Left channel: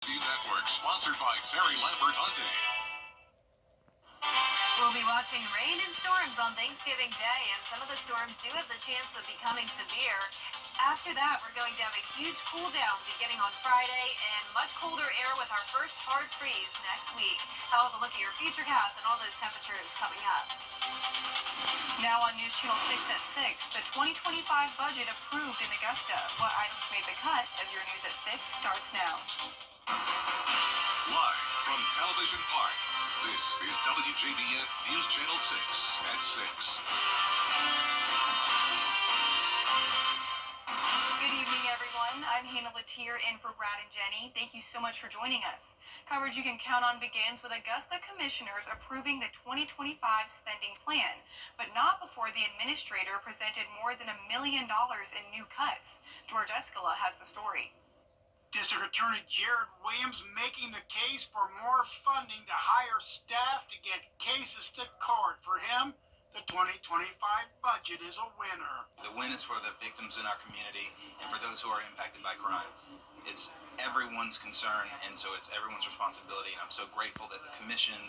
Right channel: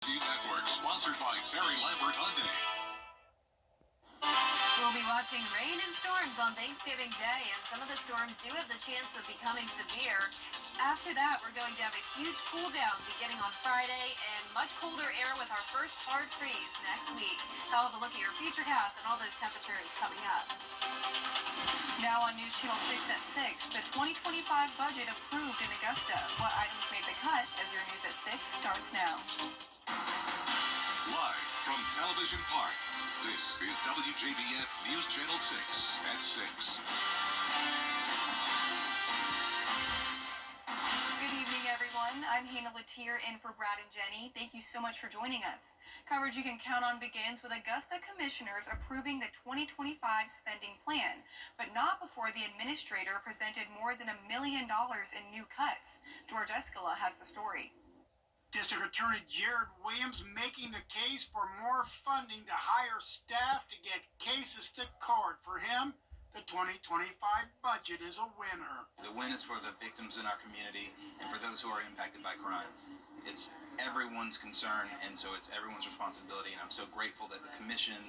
Network, sponsored by Terry Lambert Hyundai. We'll be watching rain and storms on Thanksgiving Day, and some of the storms do have the chance of becoming severe. After that, we're going to have a huge cool down beginning on Friday and much colder air with our first hard freeze next week. I'll have a look at your futurecast and all those temperatures coming up. Now on News Channel 6 at 6, the 2025 budget approved in Augusta. What items made the cut as your News at 6 starts now. Live from Television Park, this is WJBF News Channel 6 at 6. Good evening, everyone. I'm Hannah Latier in for Brad and Jenny. Thank you so much for joining us. Coverage you can count on begins with Augusta commissioners approving the 2025 spending plan, but not before the administrator presented more than $1 million in new cuts. George Escala has the story. District Attorney Jared Williams making the case for more funding to hire staff to get cases to court. For him, the 2025 budget is a winner. The win is for the victims in our community and for those who are impacted by crime. It's everyone's concern, and so it's everyone's responsibility, and I'm so grateful that the commission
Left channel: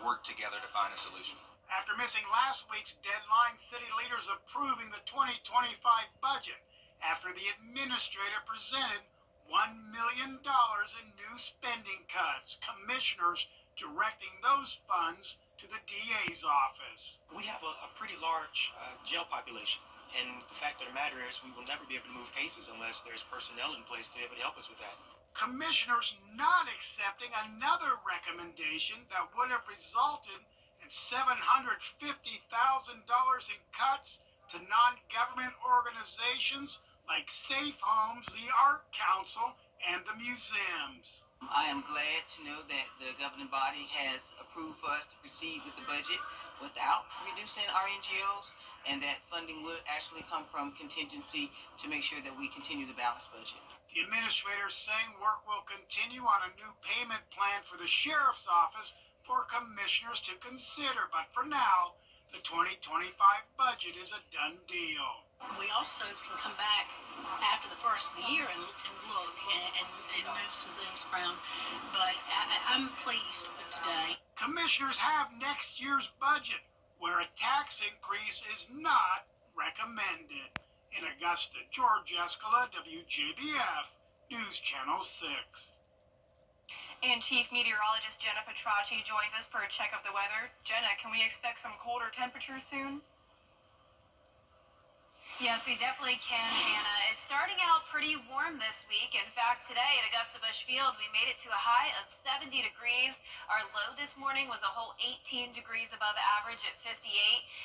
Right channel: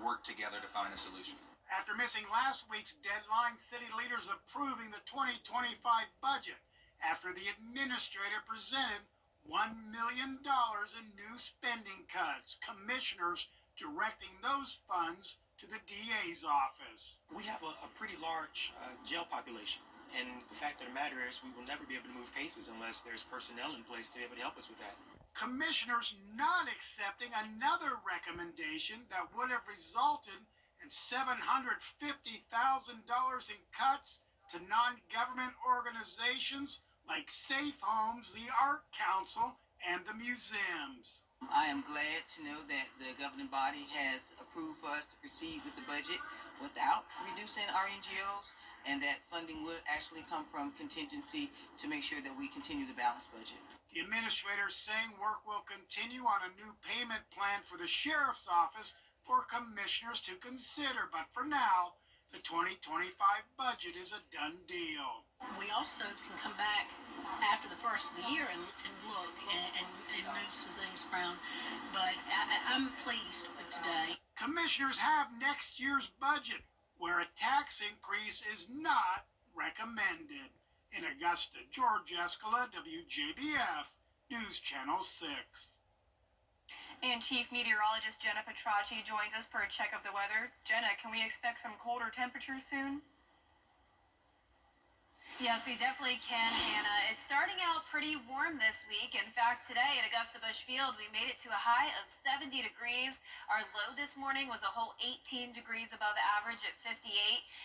worked together to find a solution. After missing last week's deadline, city leaders approving the 2025 budget after the administrator presented $1 million in new spending cuts, commissioners directing those funds to the DA's office. We have a pretty large jail population, and the fact of the matter is we will never be able to move cases unless there's personnel in place to be able to help us with that. Commissioners not accepting another recommendation that would have resulted in $750,000 in cuts to non-government organizations like Safe Homes, the Art Council, and the museums. I am glad to know that the governing body has approved for us to proceed with the budget without reducing our NGOs, and that funding will actually come from contingency to make sure that we continue the balanced budget. The administrator saying work will continue on a new payment plan for the sheriff's office for commissioners to consider, but for now, the 2025 budget is a done deal. We also can come back after the first of the year and look and move some things around. But I'm pleased with today. Commissioners have next year's budget, where a tax increase is not recommended. In Augusta, George Escala, WJBF, News Channel 6. And Chief Meteorologist Jenna Petracci joins us for a check of the weather. Jenna, can we expect some colder temperatures soon? Yes, we definitely can, Hannah. It's starting out pretty warm this week. In fact, today at Augusta Busch Field, we made it to a high of 70 degrees. Our low this morning was a whole 18 degrees above average at 58.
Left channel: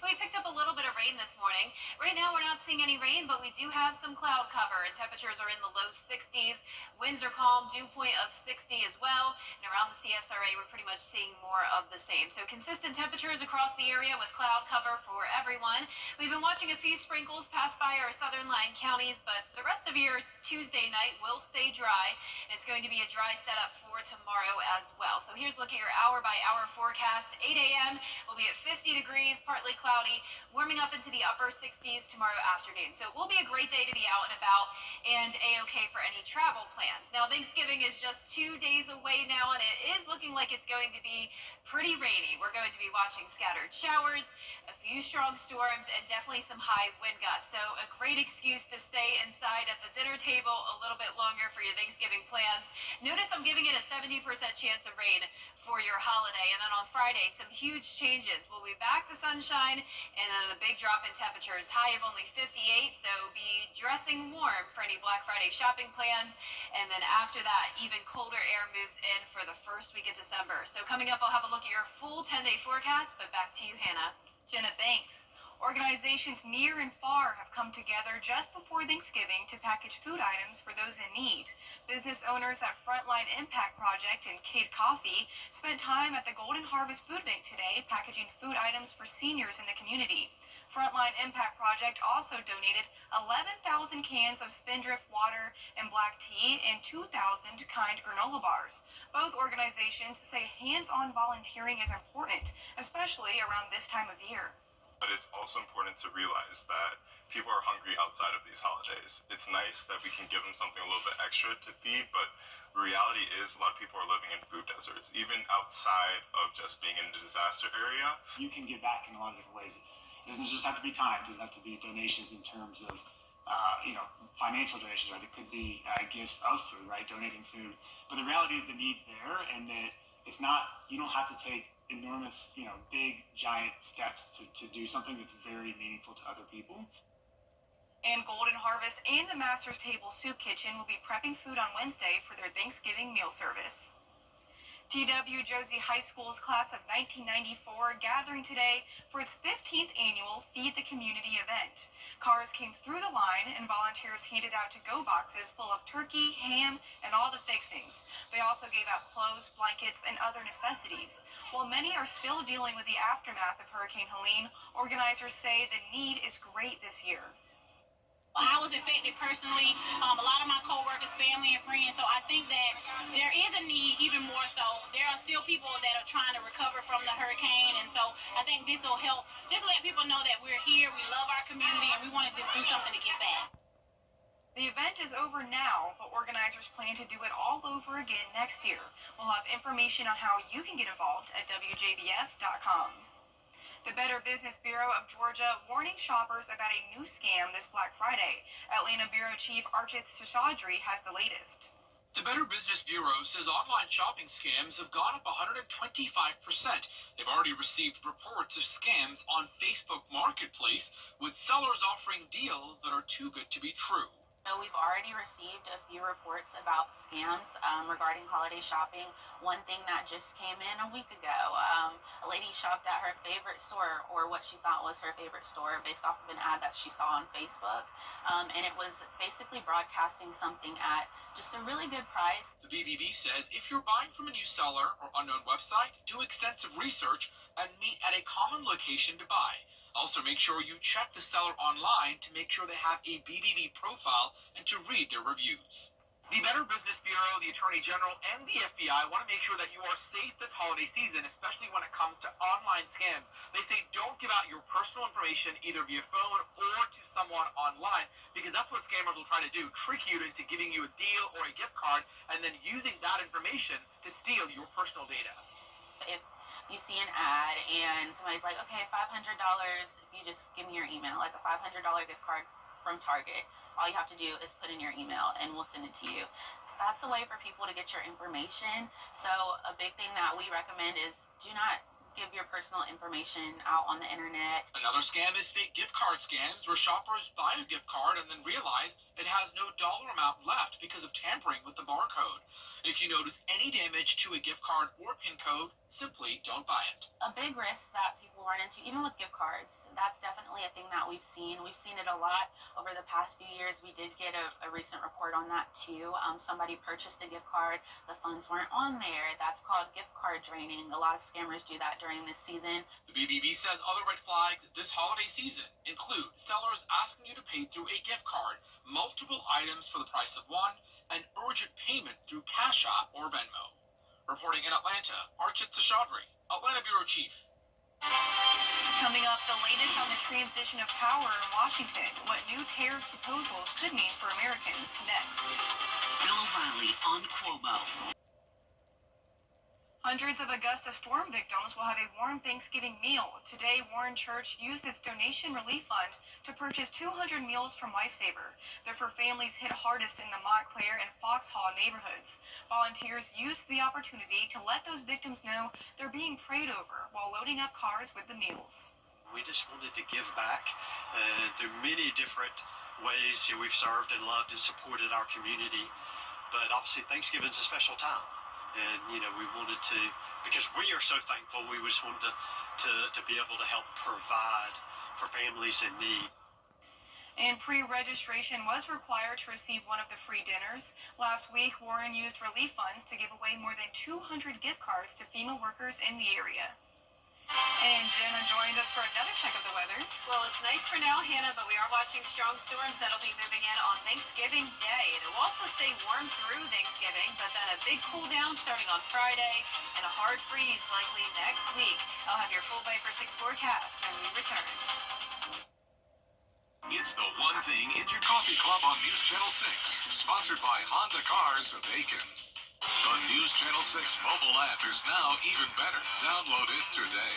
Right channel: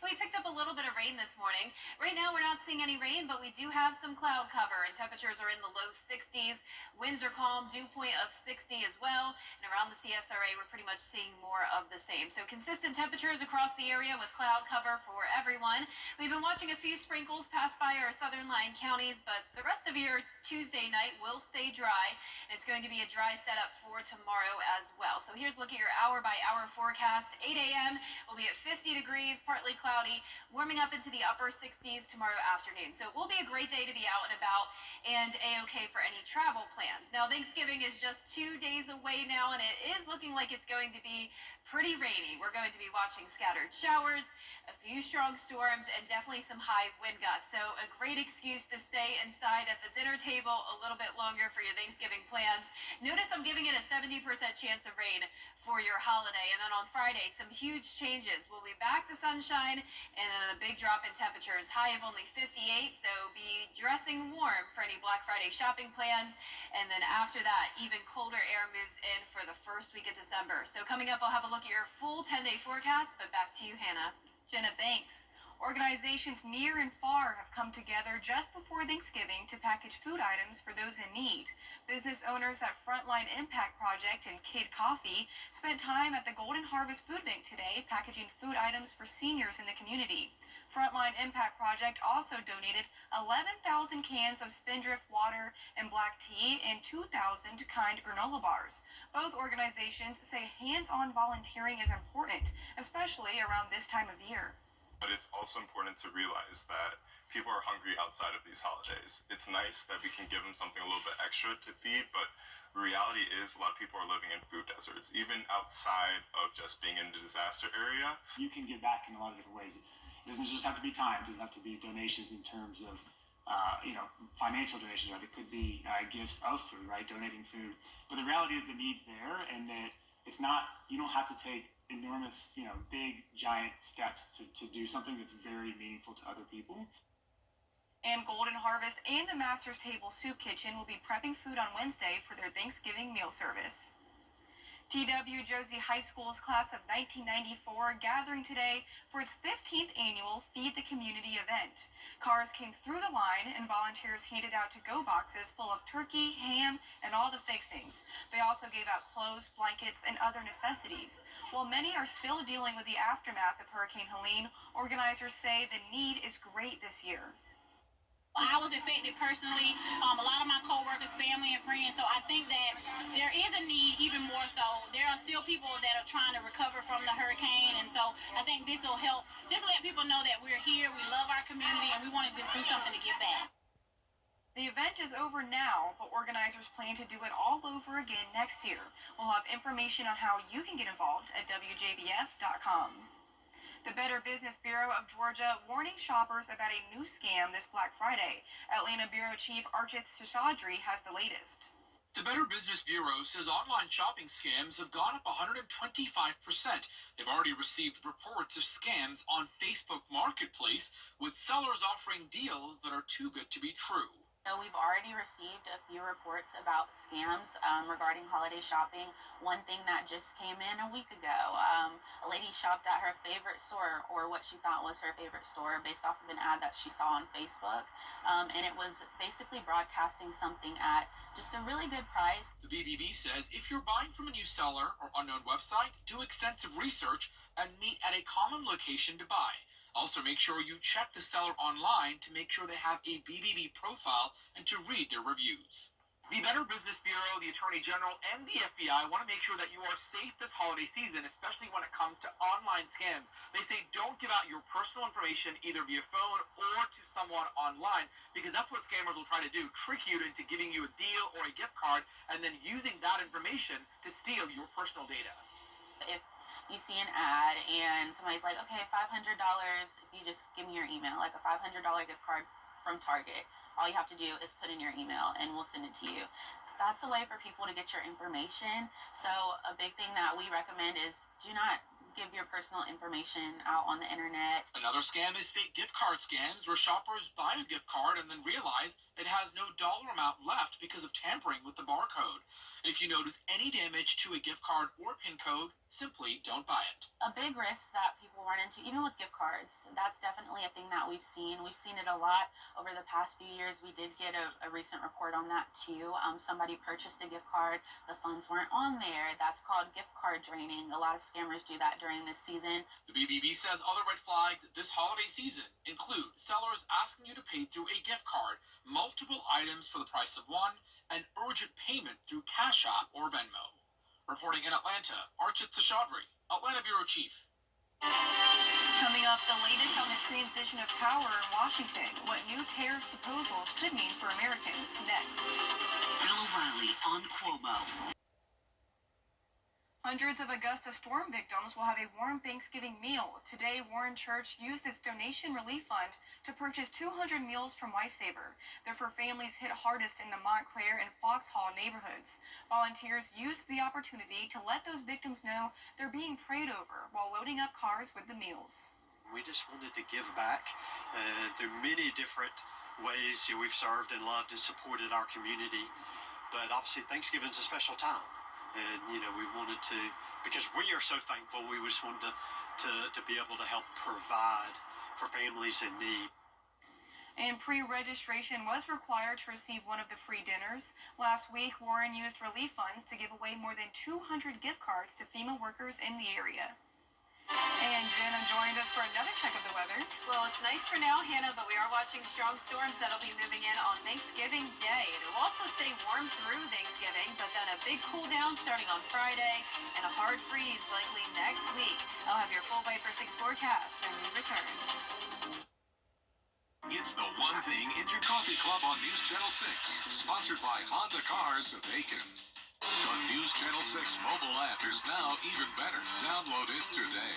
We picked up a little bit of rain this morning. Right now, we're not seeing any rain, but we do have some cloud cover, and temperatures are in the low 60s. Winds are calm, dew point of 60 as well. And around the CSRA, we're pretty much seeing more of the same. So consistent temperatures across the area with cloud cover for everyone. We've been watching a few sprinkles pass by our southern line counties, but the rest of your Tuesday night will stay dry. And it's going to be a dry setup for tomorrow as well. So here's a look at your hour-by-hour forecast. 8 a.m. will be at 50 degrees, partly cloudy, warming up into the upper 60s tomorrow afternoon. So it will be a great day to be out and about and A-OK for any travel plans. Now, Thanksgiving is just 2 days away now, and it is looking like it's going to be pretty rainy. We're going to be watching scattered showers, a few strong storms, and definitely some high wind gusts. So a great excuse to stay inside at the dinner table a little bit longer for your Thanksgiving plans. Notice I'm giving it a 70% chance of rain for your holiday. And then on Friday, some huge changes. We'll be back to sunshine and then a big drop in temperatures. High of only 58, so be dressing warm for any Black Friday shopping plans. And then after that, even colder air moves in for the first week of December. So coming up, I'll have a look at your full 10-day forecast, but back to you, Hannah. Jenna, thanks. Organizations near and far have come together just before Thanksgiving to package food items for those in need. Business owners at Frontline Impact Project and Kid Coffee spent time at the Golden Harvest Food Bank today packaging food items for seniors in the community. Frontline Impact Project also donated 11,000 cans of Spindrift water and black tea and 2,000 Kind granola bars. Both organizations say hands-on volunteering is important, especially around this time of year. But it's also important to realize that people are hungry outside of these holidays. It's nice that we can give them something a little bit extra to feed, but The reality is a lot of people are living in food deserts, even outside of just being in a disaster area. You can give back in a lot of different ways. It doesn't just have to be time. It doesn't have to be donations in terms of, financial donations, right? It could be gifts of food, right? Donating food. But the reality is the need's there, and that it's not, you don't have to take enormous, big, giant steps to do something that's very meaningful to other people. And Golden Harvest and the Master's Table Soup Kitchen will be prepping food on Wednesday for their Thanksgiving meal service. T.W. Josie High School's class of 1994 gathering today for its 15th annual Feed the Community event. Cars came through the line and volunteers handed out to-go boxes full of turkey, ham, and all the fixings. They also gave out clothes, blankets, and other necessities. While many are still dealing with the aftermath of Hurricane Helene, organizers say the need is great this year. I was affected personally, a lot of my co-workers, family, and friends, so I think that there is a need even more so. There are still people that are trying to recover from the hurricane, and so I think this will help just let people know that we're here, we love our community, and we want to just do something to give back. The event is over now, but organizers plan to do it all over again next year. We'll have information on how you can get involved at WJBF.com. The Better Business Bureau of Georgia warning shoppers about a new scam this Black Friday. Atlanta Bureau Chief Archit Seshadri has the latest. The Better Business Bureau says online shopping scams have gone up 125%. They've already received reports of scams on Facebook Marketplace, with sellers offering deals that are too good to be true. We've already received a few reports about scams regarding holiday shopping. One thing that just came in a week ago, a lady shopped at her favorite store, or what she thought was her favorite store, based off of an ad that she saw on Facebook, and it was basically broadcasting something at just a really good price. The BBB says if you're buying from a new seller or unknown website, do extensive research and meet at a common location to buy. Also, make sure you check the seller online to make sure they have a BBB profile and to read their reviews. The Better Business Bureau, the Attorney General, and the FBI want to make sure that you are safe this holiday season, especially when it comes to online scams. They say don't give out your personal information either via phone or to someone online, because that's what scammers will try to do, trick you into giving you a deal or a gift card and then using that information to steal your personal data. If you see an ad and somebody's like, okay, $500 if you just give me your email, like a $500 gift card from Target. All you have to do is put in your email and we'll send it to you. That's a way for people to get your information. So a big thing that we recommend is do not give your personal information out on the internet. Another scam is fake gift card scams, where shoppers buy a gift card and then realize it has no dollar amount left because of tampering with the barcode. If you notice any damage to a gift card or PIN code, simply don't buy it. A big risk that people run into, even with gift cards, that's definitely a thing that we've seen. We've seen it a lot over the past few years. We did get a recent report on that too. Somebody purchased a gift card, the funds weren't on there. That's called gift card draining. A lot of scammers do that during this season. The BBB says other red flags this holiday season include sellers asking you to pay through a gift card, multiple items for the price of one, and urgent payment through Cash App or Venmo. Reporting in Atlanta, Archit Seshadri, Atlanta Bureau Chief. Coming up, the latest on the transition of power in Washington, what new tariff proposals could mean for Americans. Next. Bill O'Reilly on Cuomo. Hundreds of Augusta storm victims will have a warm Thanksgiving meal. Today, Warren Church used its donation relief fund to purchase 200 meals from Lifesaver. They're for families hit hardest in the Montclair and Foxhall neighborhoods. Volunteers used the opportunity to let those victims know they're being prayed over while loading up cars with the meals. We just wanted to give back through many different ways. We've served and loved and supported our community, but obviously Thanksgiving's a special time. And, we wanted to, because we are so thankful, we just wanted to be able to help provide for families in need. And pre-registration was required to receive one of the free dinners. Last week, Warren used relief funds to give away more than 200 gift cards to FEMA workers in the area. And Jenna joined us for another check of the weather. Well, it's nice for now, Hannah, but we are watching strong storms that'll be moving in on Thanksgiving Day. It will also stay warm through Thanksgiving, but then a big cool down starting on Friday and a hard freeze likely next week. I'll have your full Viper 6 forecast when we return. It's the one thing Instant Coffee Club on News Channel 6, sponsored by Honda Cars of Aiken. The News Channel 6 mobile app is now even better. Download it today.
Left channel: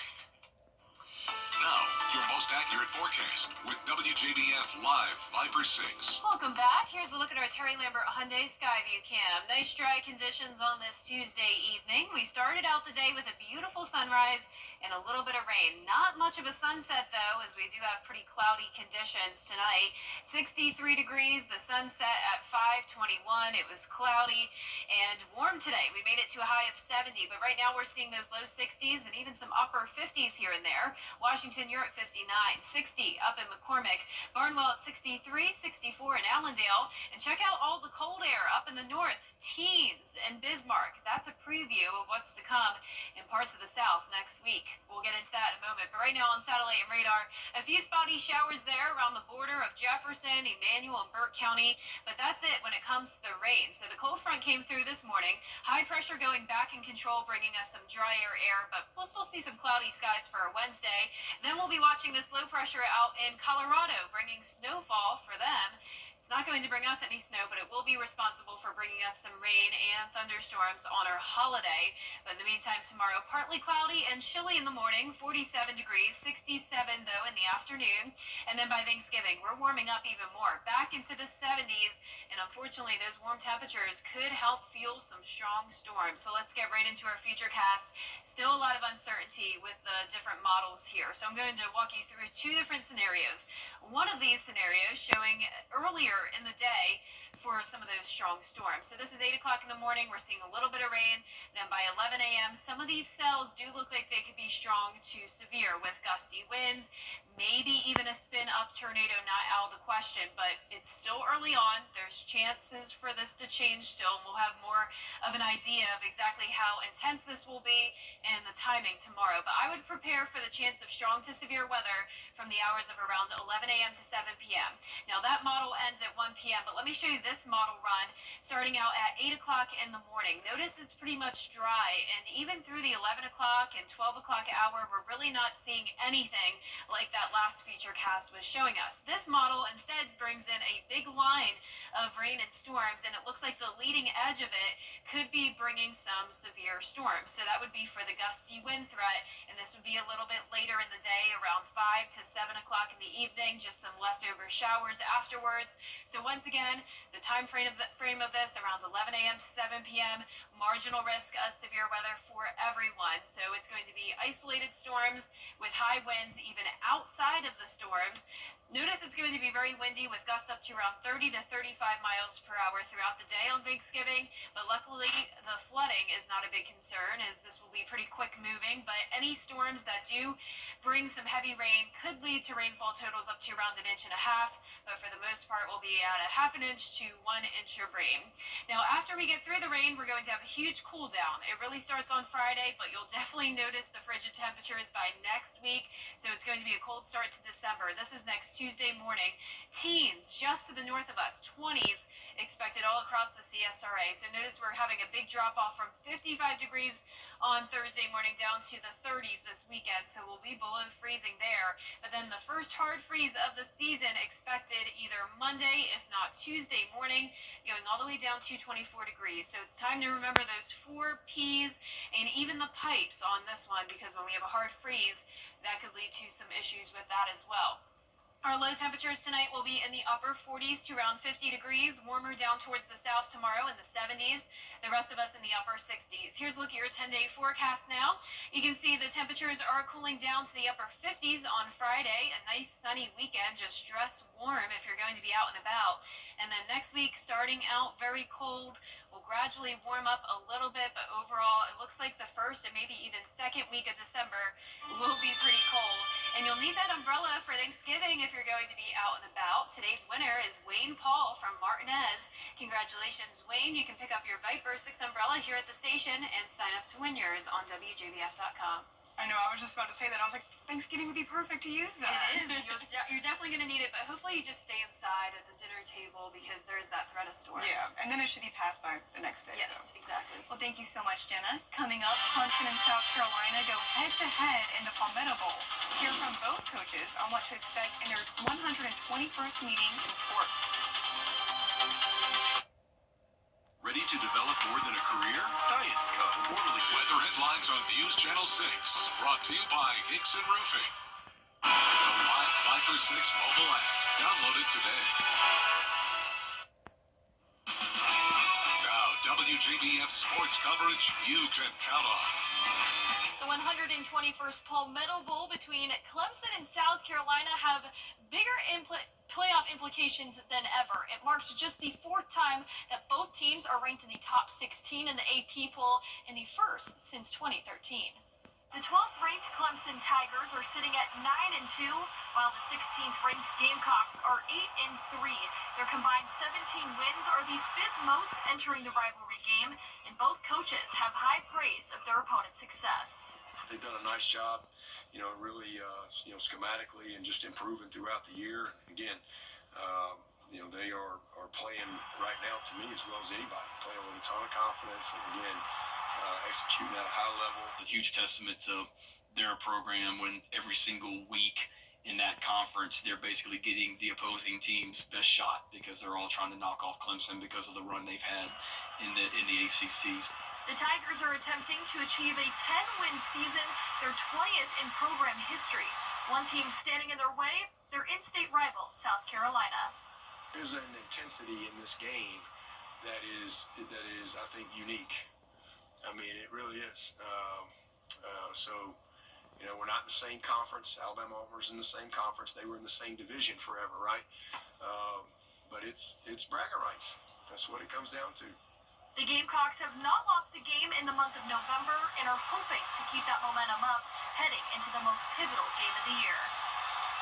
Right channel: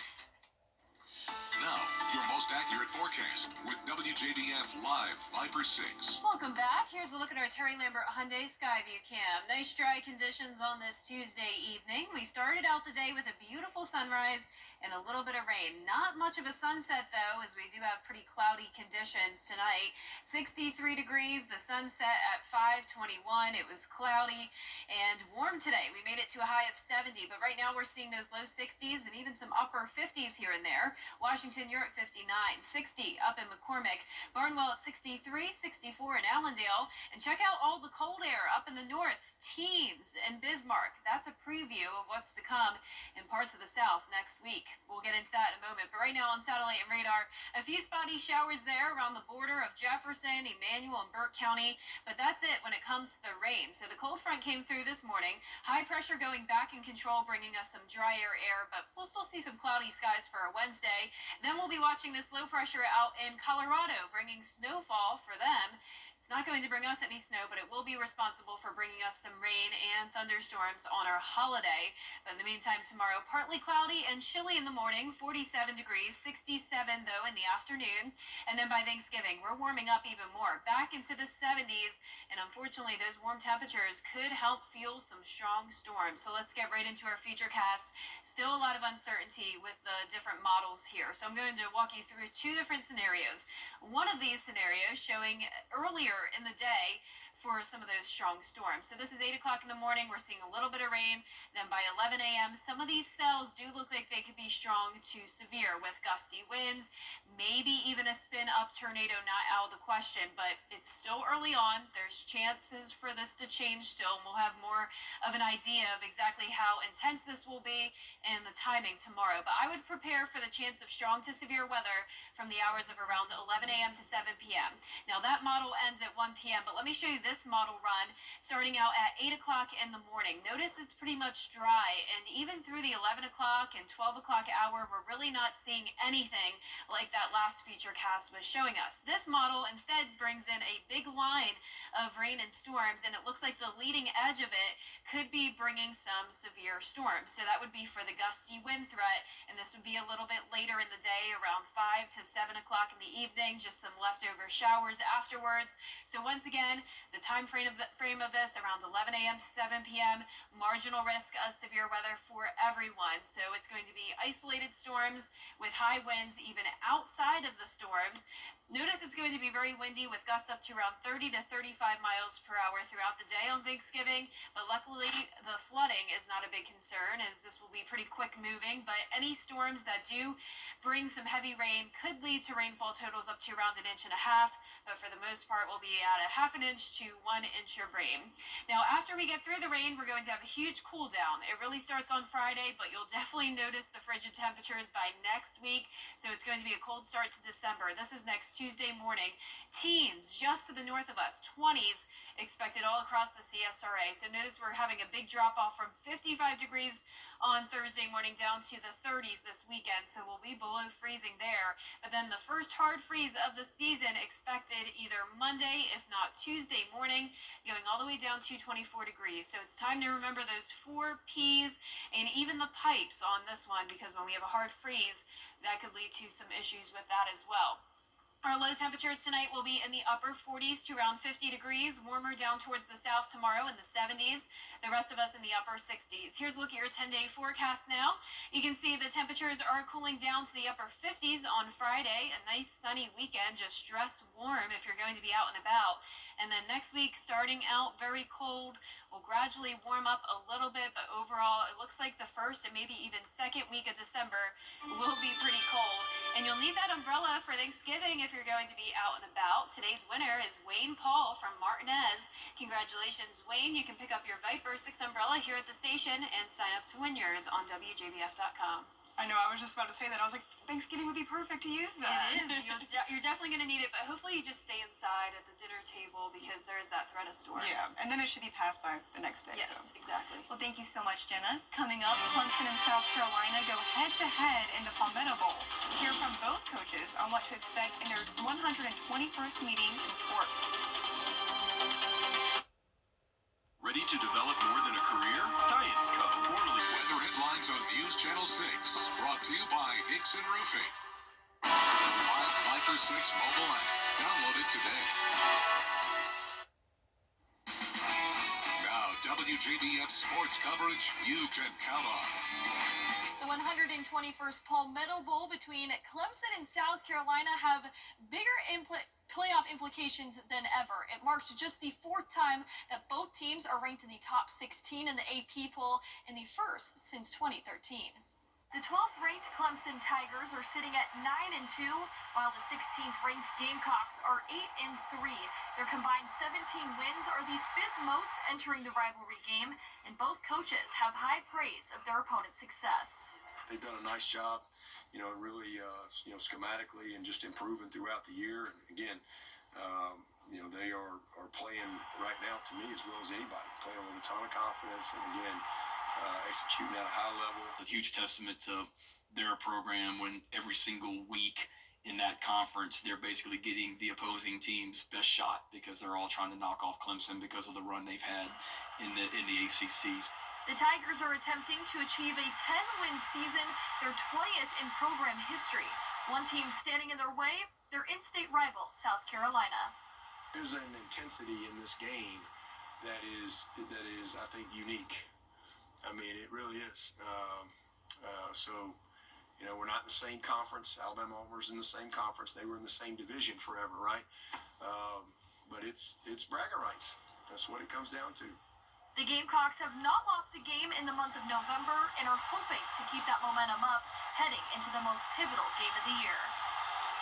Now, your most accurate forecast with WJBF Live Viper 6. Welcome back. Here's a look at our Terry Lambert Hyundai Skyview cam. Nice dry conditions on this Tuesday evening. We started out the day with a beautiful sunrise and a little bit of rain. Not much of a sunset, though, as we do have pretty cloudy conditions tonight. 63 degrees, the sunset at 5:21. It was cloudy and warm today. We made it to a high of 70, but right now we're seeing those low 60s and even some upper 50s here and there. Washington, you're at 59, 60 up in McCormick, Barnwell at 63, 64 in Allendale, and check out all the cold air up in the north, teens and Bismarck. That's a preview of what's to come in parts of the south next week. We'll get into that in a moment, but right now on satellite and radar, a few spotty showers there around the border of Jefferson, Emmanuel, and Burke County, but that's it when it comes to the rain. So the cold front came through this morning, high pressure going back in control, bringing us some drier air, but we'll still see some cloudy skies for our Wednesday. Then we'll be watching this low pressure out in Colorado, bringing snowfall for them. It's not going to bring us any snow, but it will be responsible for bringing us some rain and thunderstorms on our holiday. But in the meantime, tomorrow, partly cloudy and chilly in the morning, 47 degrees, 67 though in the afternoon. And then by Thanksgiving, we're warming up even more, back into the 70s. And unfortunately, those warm temperatures could help fuel some strong storms. So let's get right into our future cast. Still a lot of uncertainty with the different models here. So I'm going to walk you through two different scenarios. One of these scenarios showing earlier in the day for some of those strong storms. So this is 8 o'clock in the morning. We're seeing a little bit of rain. Then by 11 a.m., some of these cells do look like they could be strong to severe with gusty winds, maybe even a spin-up tornado, not out of the question, but it's still early on. There's chances for this to change still, and we'll have more of an idea of exactly how intense this will be and the timing tomorrow. But I would prepare for the chance of strong to severe weather from the hours of around 11 a.m. to 7 p.m. Now that model ends at 1 p.m., but let me show you this model run starting out at 8 o'clock in the morning. Notice it's pretty much dry, and even through the 11 o'clock and 12 o'clock hour, we're really not seeing anything like that last feature cast was showing us. This model instead brings in a big line of rain and storms, and it looks like the leading edge of it could be bringing some severe storms. So that would be for the gusty wind threat, and this would be a little bit later in the day, around 5 to 7 o'clock in the evening, just some leftover showers afterwards. So once again, the time frame of this around 11 a.m. to 7 p.m. Marginal risk of severe weather for everyone. So it's going to be isolated storms with high winds even outside of the storms. Notice it's going to be very windy with gusts up to around 30 to 35 miles per hour throughout the day on Thanksgiving. But luckily, the flooding is not a big concern, as this will be pretty quick moving. But any storms that do bring some heavy rain could lead to rainfall totals up to around 1.5 inches. But for the most part, we'll be at 0.5 inch to 1 inch of rain. Now, after we get through the rain, we're going to have a huge cool down. It really starts on Friday, but you'll definitely notice the frigid temperatures by next week. So it's going to be a cold start to December. This is next Tuesday morning. Teens just to the north of us, 20s expected all across the CSRA. So notice we're having a big drop off from 55 degrees on Thursday morning down to the 30s this weekend. So we'll be below freezing there. But then the first hard freeze of the season expected either Monday, if not Tuesday morning, going all the way down to 24 degrees. So it's time to remember those 4 Ps and even the pipes on this one, because when we have a hard freeze, that could lead to some issues with that as well. Our low temperatures tonight will be in the upper 40s to around 50 degrees, warmer down towards the south tomorrow in the 70s, the rest of us in the upper 60s. Here's a look at your 10-day forecast now. You can see the temperatures are cooling down to the upper 50s on Friday. A nice sunny weekend, just dress warm if you're going to be out and about. And then next week, starting out very cold, will gradually warm up a little bit, but overall, it looks like the first and maybe even second week of December will be pretty cold. And you'll need that umbrella for Thanksgiving if you're going to be out and about. Today's winner is Wayne Paul from Martinez. Congratulations, Wayne. You can pick up your Viper 6 umbrella here at the station and sign up to win yours on WJBF.com. I know, I was just about to say that. I was like, Thanksgiving would be perfect to use that. It is. You're definitely going to need it, but hopefully you just stay inside at the dinner table because there is that threat of storms. Yeah, and then it should be passed by the next day. Yes, so. exactly. Well, thank you so much, Jenna. Coming up, Clemson and South Carolina go head-to-head in the Palmetto Bowl. Hear from both coaches on what to expect in their 121st meeting in sports. Ready to develop more than a career? Science Co. Quarterly weather headlines on News Channel 6. Brought to you by Hickson Roofing. The Live 5 for 6 mobile app. Download it today. Now, WJBF sports coverage you can count on. The 121st Palmetto Bowl between Clemson and South Carolina have bigger playoff implications than ever. It marks just the fourth time that both teams are ranked in the top 16 in the AP poll and the first since 2013. The 12th ranked Clemson Tigers are sitting at 9-2, while the 16th ranked Gamecocks are 8-3. Their combined 17 wins are the fifth most entering the rivalry game, and both coaches have high praise of their opponent's success. They've done a nice job, really, schematically and just improving throughout the year. And again, they are playing right now, to me, as well as anybody, playing with a ton of confidence and, again, executing at a high level. A huge testament to their program when every single week in that conference, they're basically getting the opposing team's best shot because they're all trying to knock off Clemson because of the run they've had in the ACCs. The Tigers are attempting to achieve a 10-win season, their 20th in program history. One team standing in their way, their in-state rival, South Carolina. There's an intensity in this game that is, I think, unique. I mean, it really is. We're not in the same conference. Alabama Auburn in the same conference. They were in the same division forever, right? But it's bragging rights. That's what it comes down to. The Gamecocks have not lost a game in the month of November and are hoping to keep that momentum up heading into the most pivotal game of the year.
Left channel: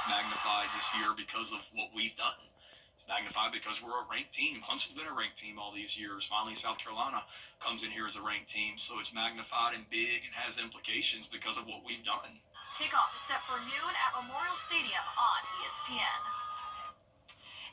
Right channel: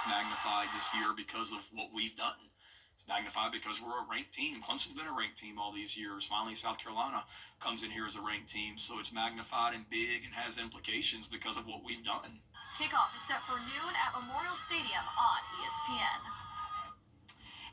Magnified this year because of what we've done. It's magnified because we're a ranked team. Clemson's been a ranked team all these years. Finally, South Carolina comes in here as a ranked team, so it's magnified and big and has implications because of what we've done. Kickoff is set for noon at Memorial Stadium on ESPN.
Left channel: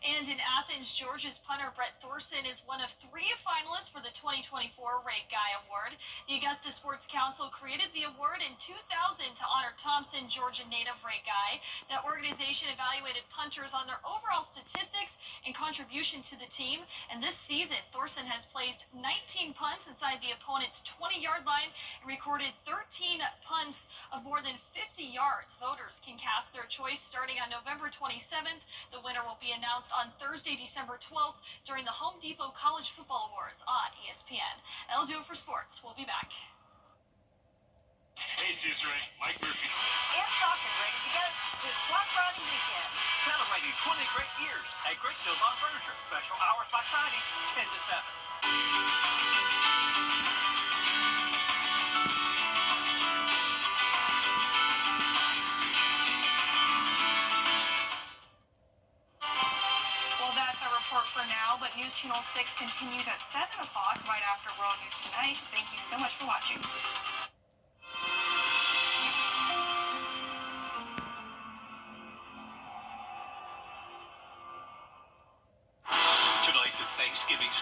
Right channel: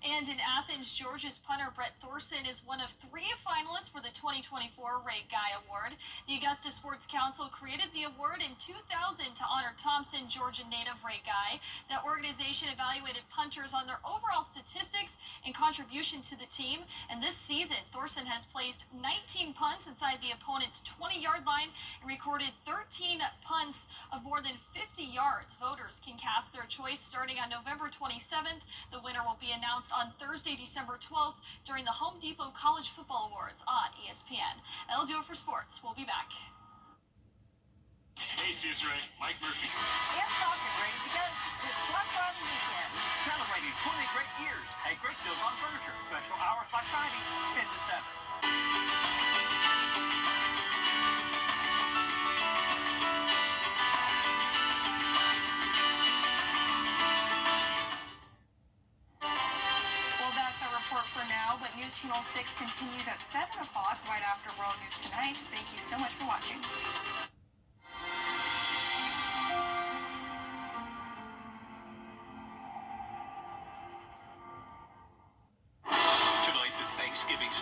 And in Athens, Georgia's punter Brett Thorson is one of 3 finalists for the 2024 Ray Guy Award. The Augusta Sports Council created the award in 2000 to honor Thompson, Georgia native Ray Guy. That organization evaluated punters on their overall statistics and contribution to the team. And this season, Thorson has placed 19 punts inside the opponent's 20-yard line and recorded 13 punts of more than 50 yards. Voters can cast their choice starting on November 27th. The winner will be announced on Thursday, December 12th during the Home Depot College Football Awards on ESPN. That'll do it for sports. We'll be back. Hey, Caesar, Mike Murphy. It's talking ready to go this Black Friday weekend. Celebrating 20 great years at Great Deals on Furniture. Special hours Black Friday, 10 to 7. For now, but News Channel 6 continues at 7 o'clock right after World News Tonight. Thank you so much for watching.